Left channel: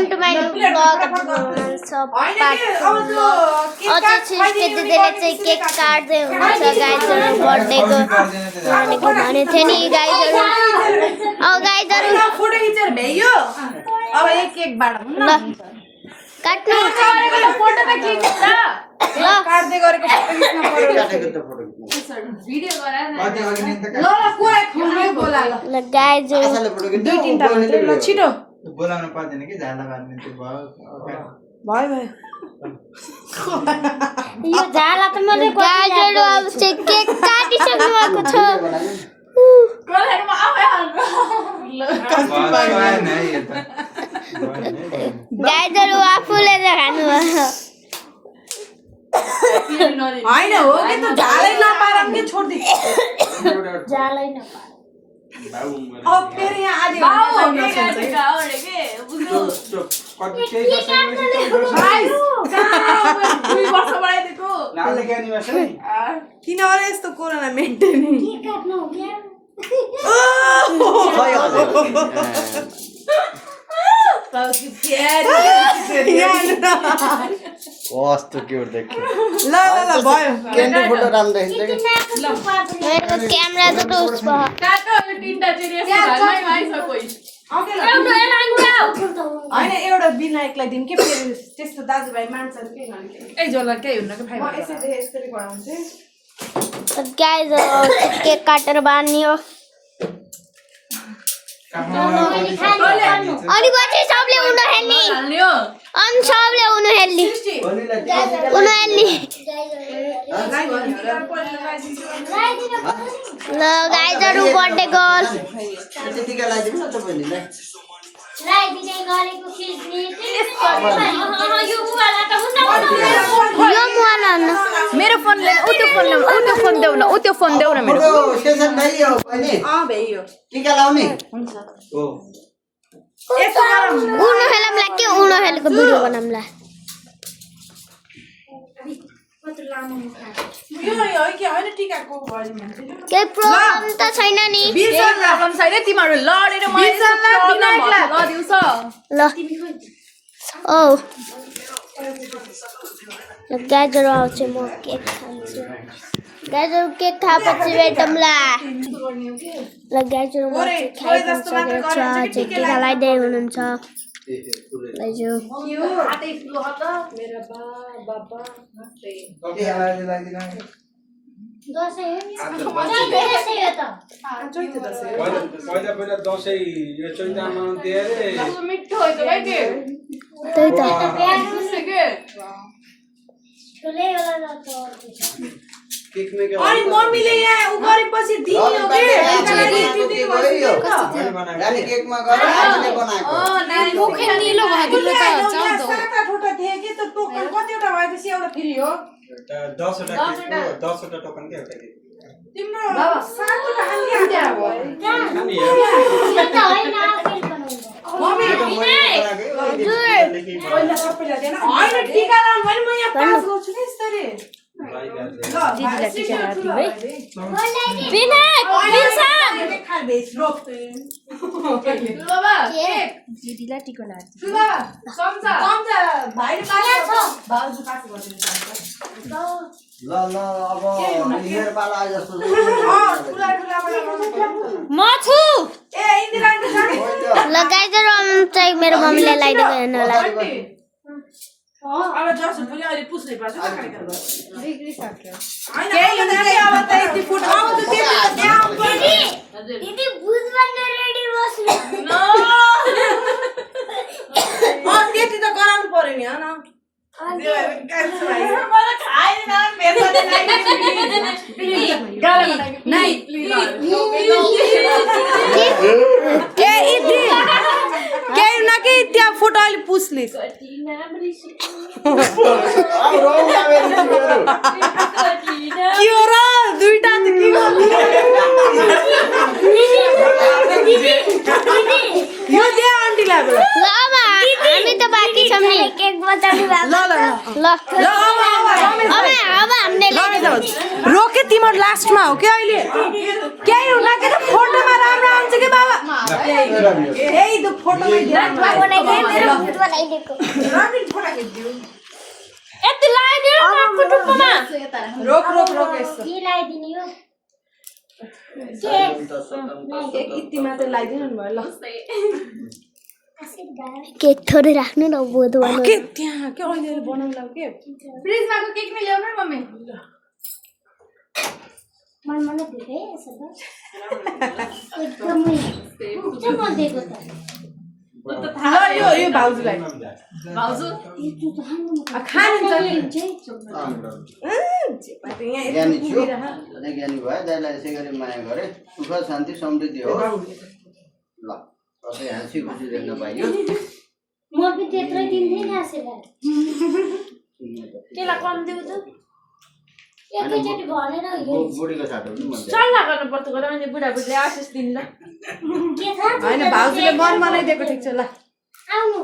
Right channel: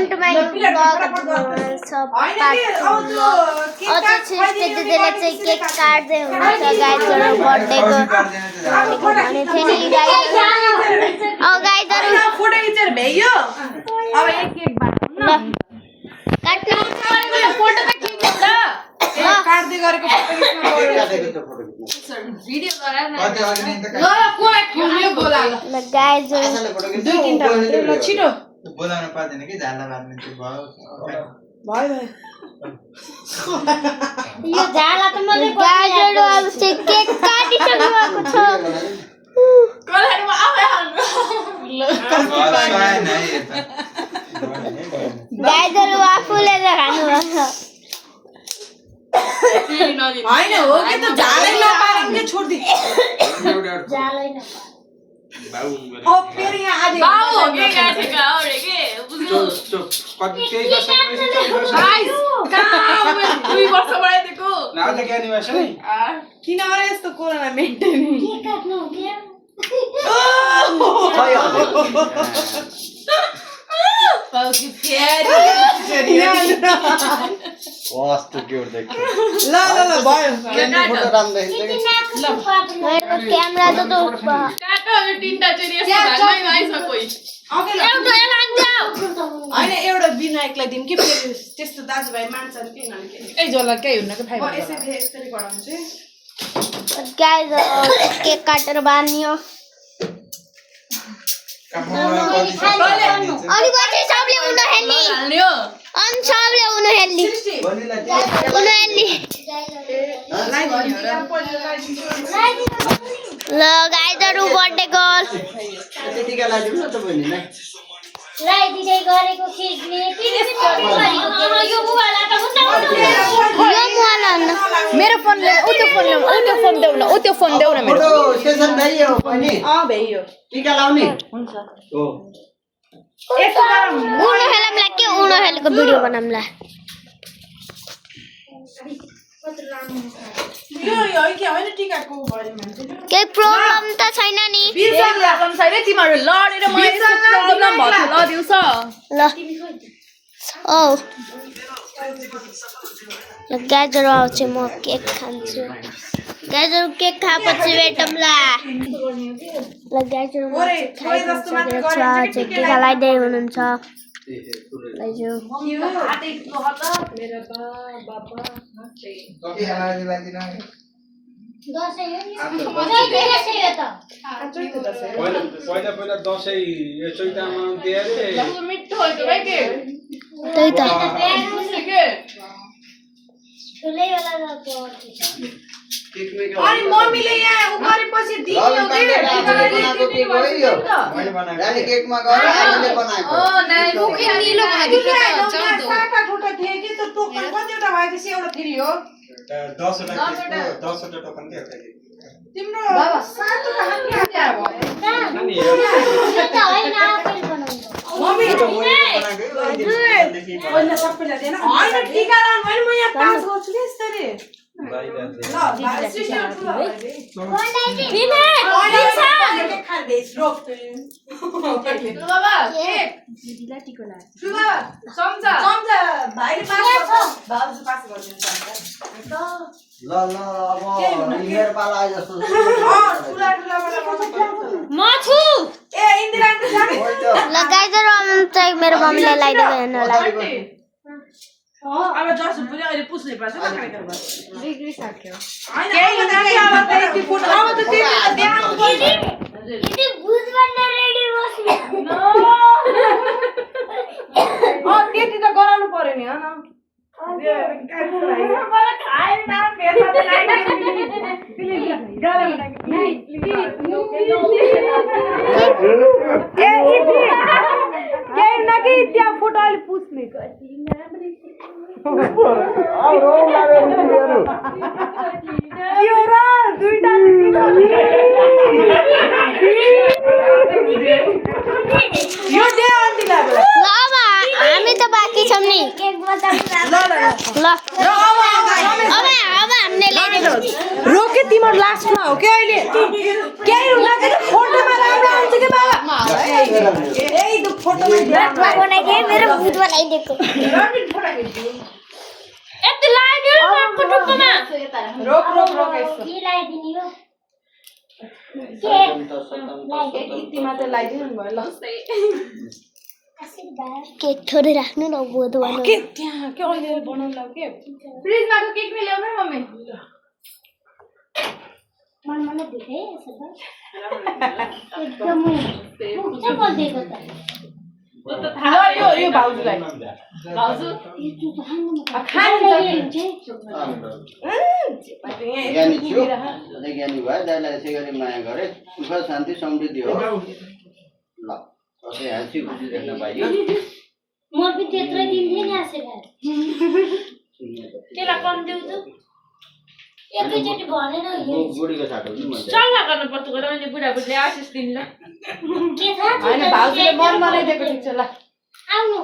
welcome to my new vlog. So part 2 vlog. अझै छुस्टे दिदीले चाहिँ केक काट्दै हुनुहुन्छ गाइजहरु बर्थडेको भने थिए नि गाइजहरु फोटो खिचेर भ्याइयो अब एक केक बाटो काट्नु फोटो त खिच्छ ल काट्दै गरेको फोटो खिच्न भिडियो गरा न ल कोला खुल्यो बोला ल गाइजहरु दुई तीनटा मात्रै छिटो बोलाउन पर्दैन कि झाला बार्ने त्यो भयो भयो यो झाला त मैले गाइजहरु अब चाहिँ केक काटिसक्नु भएको छ कोलामा आवे हाल्नु गाइजहरु आफूले त खानु हैन हो कि त झालै नपारमले छोड्दि झालै न बाउ अब फेरि यहाँ आज बाउ हो के गाटेका हो रे के बुझ्नु चुप कति केही वर्षपछि गाइस कहाँ 2 वर्ष बढाइदिएको आज के एनिभर्सरी किन अरे यस्तो कोरोना मेन्टेन के काट्नु हो के बाउ कि प्यारी कस्तो क्यूट देखियो ल भयो फोटो राम्रो देखिन्छ मेरो क्यामेरा त दोष भयो काटो यो तीनटा चाहिँ यस्तो भागमै आइछ कोही एउटा हैन एउटा विनायकलाई दिम कि फेरि त्यस्तो दाजुभाइ मान्छन् के नभन्छ ए जोला के हुन्न के फाइभ यसरी गराउँछु गाइज केक काटेर बान्नियो अनि पछि सबले उन हेल्नी हाल्ने हो अनि सबले उन हेल्नी उन हेल्नी ल गाइजहरु बर्थडे गर्ल त्यतिका लागि न त बहिनीलाई राई दिदै गरेको खिच्ने यो मोबाइल न मेरो फोन ले उ त्यो फोन देऊ न उ त्यो फोन देऊ न मेरो स्टेसन भइयो बहिनी भ्याइयो टीका लाउने हुन्छ हो यसो गरौँ उन हेलमला के उन हेलको भिडियो बनामला यो है के हैन टिकाको भयो भने केही प्रब्लम त छैन नि प्रब्लम छैन तिमीहरु लडेर मैले प्रब्लम भयो ल दिउँछ ल ओ ल गाजर आउँछ म केक खान्छु गाजर केक खाएपछि भेटौँला ल गाजर म खाइसकेको छु चाहिँ टिका लगाइदिए हुनुहुन्छ लैजो पहिला दशैं यो चैतामा दिए मिठो हो त भाइ के त्यही त अनि मम्मीले यहाँ उ गरेपछि दियो के नानी केकमा गएर आफूले बनाएको साता ठुटा थिए कि त टोकन कतिवटा भएपछि एउटा फ्री हो 10 वटा टोकन के एउटा तिम्रो सातवटा हान्ने आएको पहिला सबैलाई दिएन हैन टीका लाउनु भने म यहाँ पास गर्छु नि यसरी ल अब मेरो पाला आए जस्तो ल गाजर चाहिँ मेरो मम्मीले लगाइदिएको हेर्नुलाई अब 10 रुपैयाँ अहिले पुस्ने पर्छ हैन केही हुँदैन अब त यति फुट अब त त्यति त त्यहाँ दिदी भुज बन्न रेडी बस्नु त्यति त गराउनु पर्यो नि हैन मलाई खाएन के त्यहाँ फोटो अहिले पुस्ने दुईटा यो दे आन्टीलाई ल अब हामी त बाँकी छौँ नि केक बजाउनु ल अब हामीले ल्याइदिएको रोके तिम्रो लास्टमा हो कि अहिले केही हुँदा के फोटोमा राम्रो आउँछ कि बाबा यही तो फोटो में ध्यान बनाइदिए मेरो भूत बनाइदिएको रबिन फोटो खिच्दियो यति लाग्यो टुप्पोमा रोक रोक रोक यसो के लगाइदिने हो एक इति मात्र लगाइदिनु भयो ल केक थोरै राख्नु न भूत बनाउनु के त्यहाँ के अहिले बनाउला के फ्रिजमा को केक नि ल्याउनु मम्मी मन देखे सब एकदमै के बोल्दैको त यो भाउजूलाई भाउजू खानु ज्ञानी थियो अझै ज्ञानी भयो दाइलाई यसै गरी माया गरे सुख शान्ति समृद्धि हो ल अझै हाँसी खुसी देख्न पाइयो म पनि त्यत्रै दिन्थे नि आशीर्वाद केला कम दिउ त एकैचोटि भनेर बुढीको साटो पनि मन सल्लाह गर्नु पर्छ गरे मैले बुढाबुढीले आशिष दिन ल के थाहा हैन भाउजूले मन बनाइदिएको ठिक छ ल आउनु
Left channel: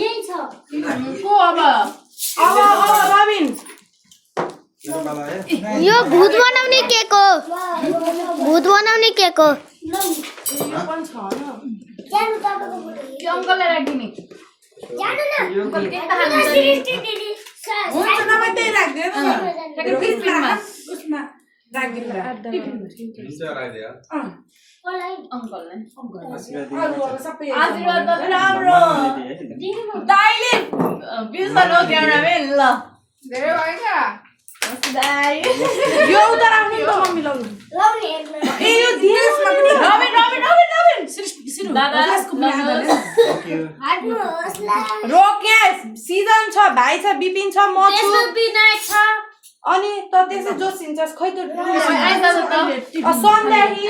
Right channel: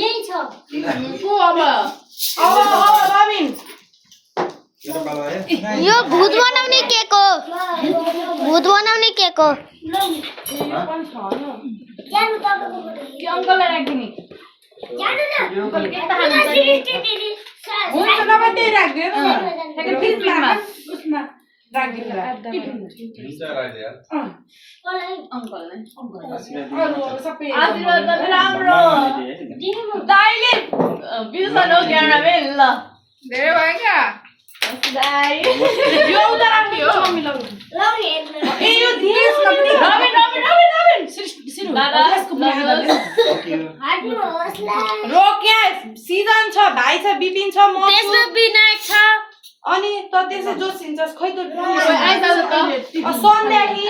यही छ को अब अब रबिन यो भूत बनाउने केक हो भूत बनाउने केक हो के अङ्कललाई राखिदिने अङ्कल केक त खानुहुन्छ हुन्छ नभए त्यही राख्दियो न टिफिनमा उसमा राख्दिनु अङ्कललाई अरु सबै आशीर्वाद गर्नु राम्रो दाइले बिर्सा नगर्नु ल धेरै भयो क्या यो उता राख्नु त मम्मी लौ ए यो दिएसमा पनि रबिन दादा यसको पनि हाल्नु हाट्नुहोस् ल रोक यहाँ सिजन छ भाइ छ बिपिन छ म छु विनायक छ अनि त त्यसै जोस हिँड्छस् खै त आइज सन्ध्या कि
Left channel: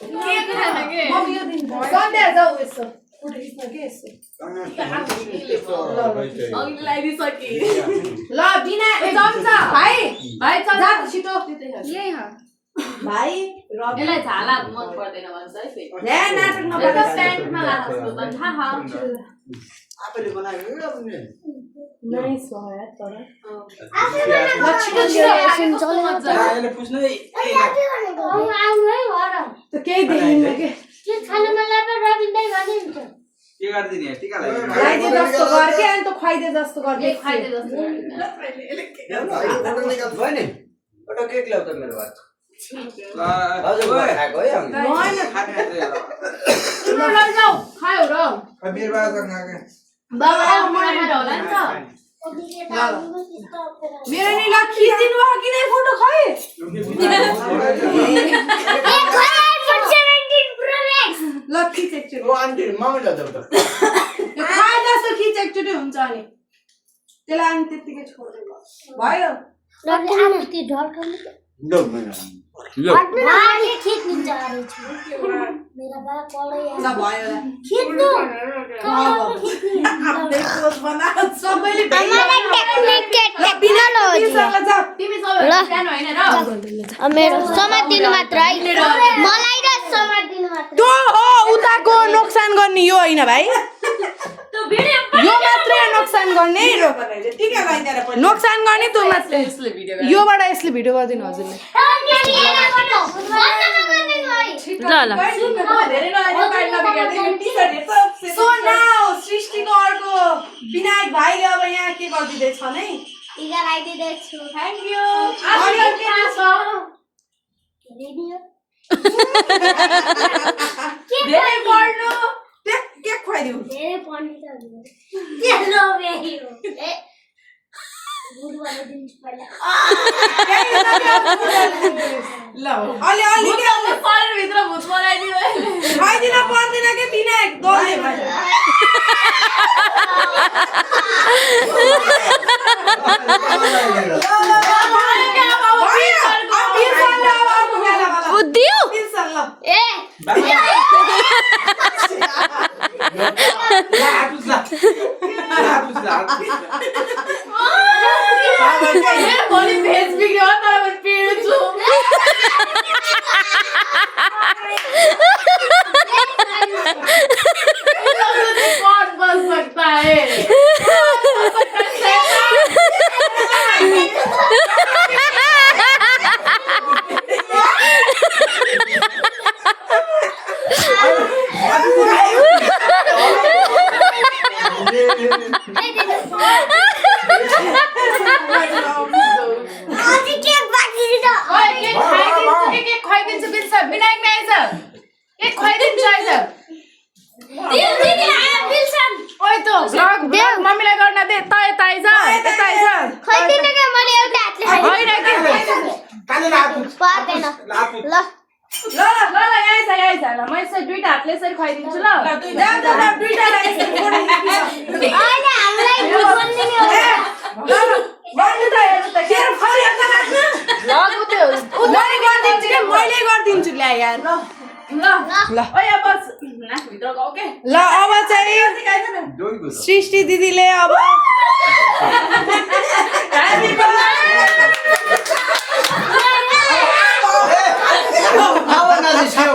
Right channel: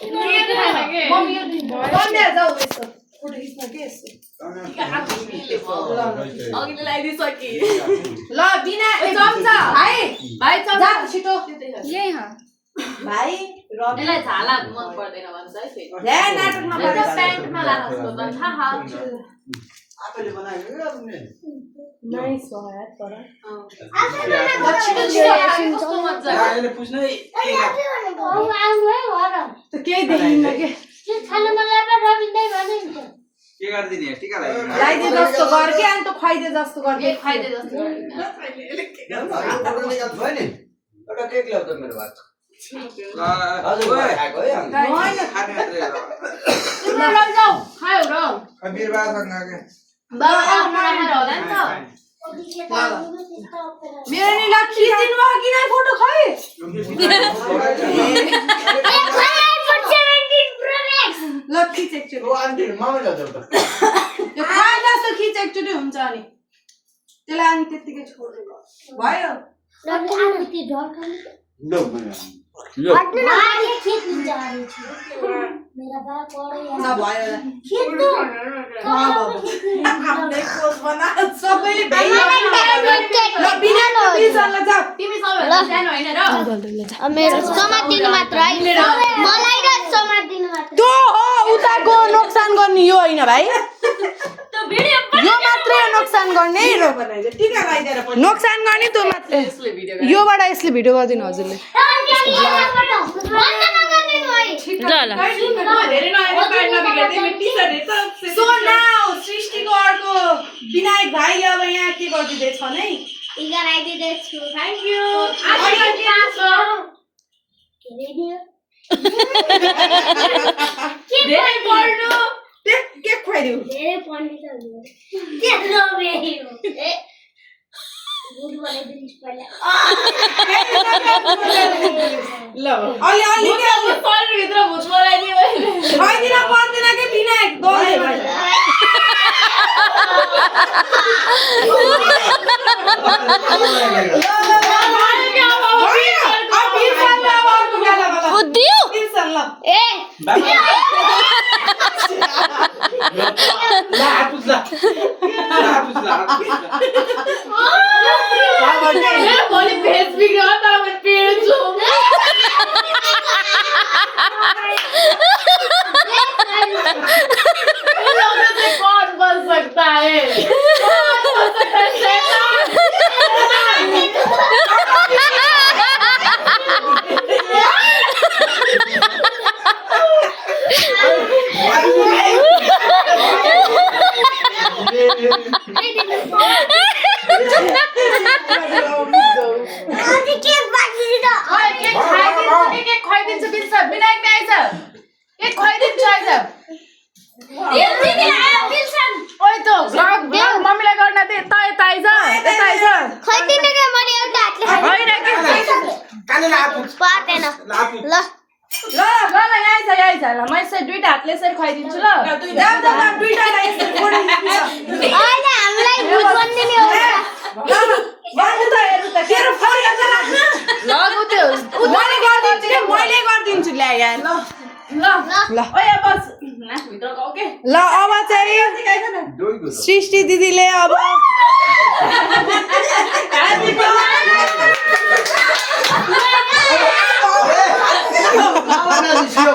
के मम्मी यो दिन सन्ध्या जाऊ यसो फोटो खिच्न के यसो अघि लगाइदिसके ल बिना चम्चा भाइ भाइ जा चम्चा छिटो यही हो भाइ रबिन यसलाई झाला मन पर्दैन भन्छ है फेरि ल्या नाटक एउटा नगर प्यान्टमा लाग्छ त थाहा आफैले बनाएको हो अपने नाइस हो यार तर आइले पुछ्नु है त केही देखिन्न के के गर्दिने टिका लगाइदिनु लाइदे जस्तो गर के अनि त खुवाइदे जस्तो गर एक खाइदे जस्तो गर्दैन फोटो निकाल भयो नि एउटा केक ल्याउ त मेरो भाइ हजुर खाएको है तिम्रो लैजाऊ खायो र बाबा आउनु राखेर होला नि त मेरो नि ल खिचिदिनु भयो किन फोटो खै ल खिच एकचोटि आन्टी मम्मीलाई देऊ त यो खाए जस्तो खिच एकचोटि हुन्छ अनि त्यसलाई अनि त्यतिकै छोडेर भयो लो मेरो ल भयो आफ्नै पोज बना सबैले बिना जाऊ तिमी सबैभन्दा सानो होइन र मेरो समातिनु मात्र है मलाई र समातिनु मात्र त्यो हो उताको नोक्सान गर्ने यो होइन भाइ त्यो भिडियो यो मात्रै नोक्सान गर्ने नोक्सान गर्ने त्यो मात्रै योबाट यसले भिडियो गरिदिनु हजुरले ल ल सृष्टिको अर्को विनायक भाइले अब यहाँ के गरिदिँदैछ नै लगाइदिँदैछु थ्याङ्क यू धेरै पढ्नु के खुवाइदिउ धेरै पढ्ने त के रबे भूत बनाइदिनुहोस् पहिला ल अलि अलि शरीरभित्र भूत बनाइदिनु खुवाइदिन पर्दैन के विनायक दले बुद्धियो ए मेरो भोलि भेज बिग्रियो तर म पिर्छु कौन बन सकता है विनायक नै आएछ के खुवाइदिन्छ आएछ ओइ त भ्लग मम्मीलाई गर्न दे त यता आइज खोइदिनु के मैले एउटा हातले कानेर हात पर्दैन ल ल यहाँ आइज ल म यसरी दुईटा हातले यसरी खुवाइदिन्छु ल अहिले हामीलाई भूत बनिदिने हो मैले गरिदिन्छु ल्या यार ल ओइ अब नाकभित्र गाउ के ल अब चाहिँ सृष्टि दिदीले अब भावना निस्क्यो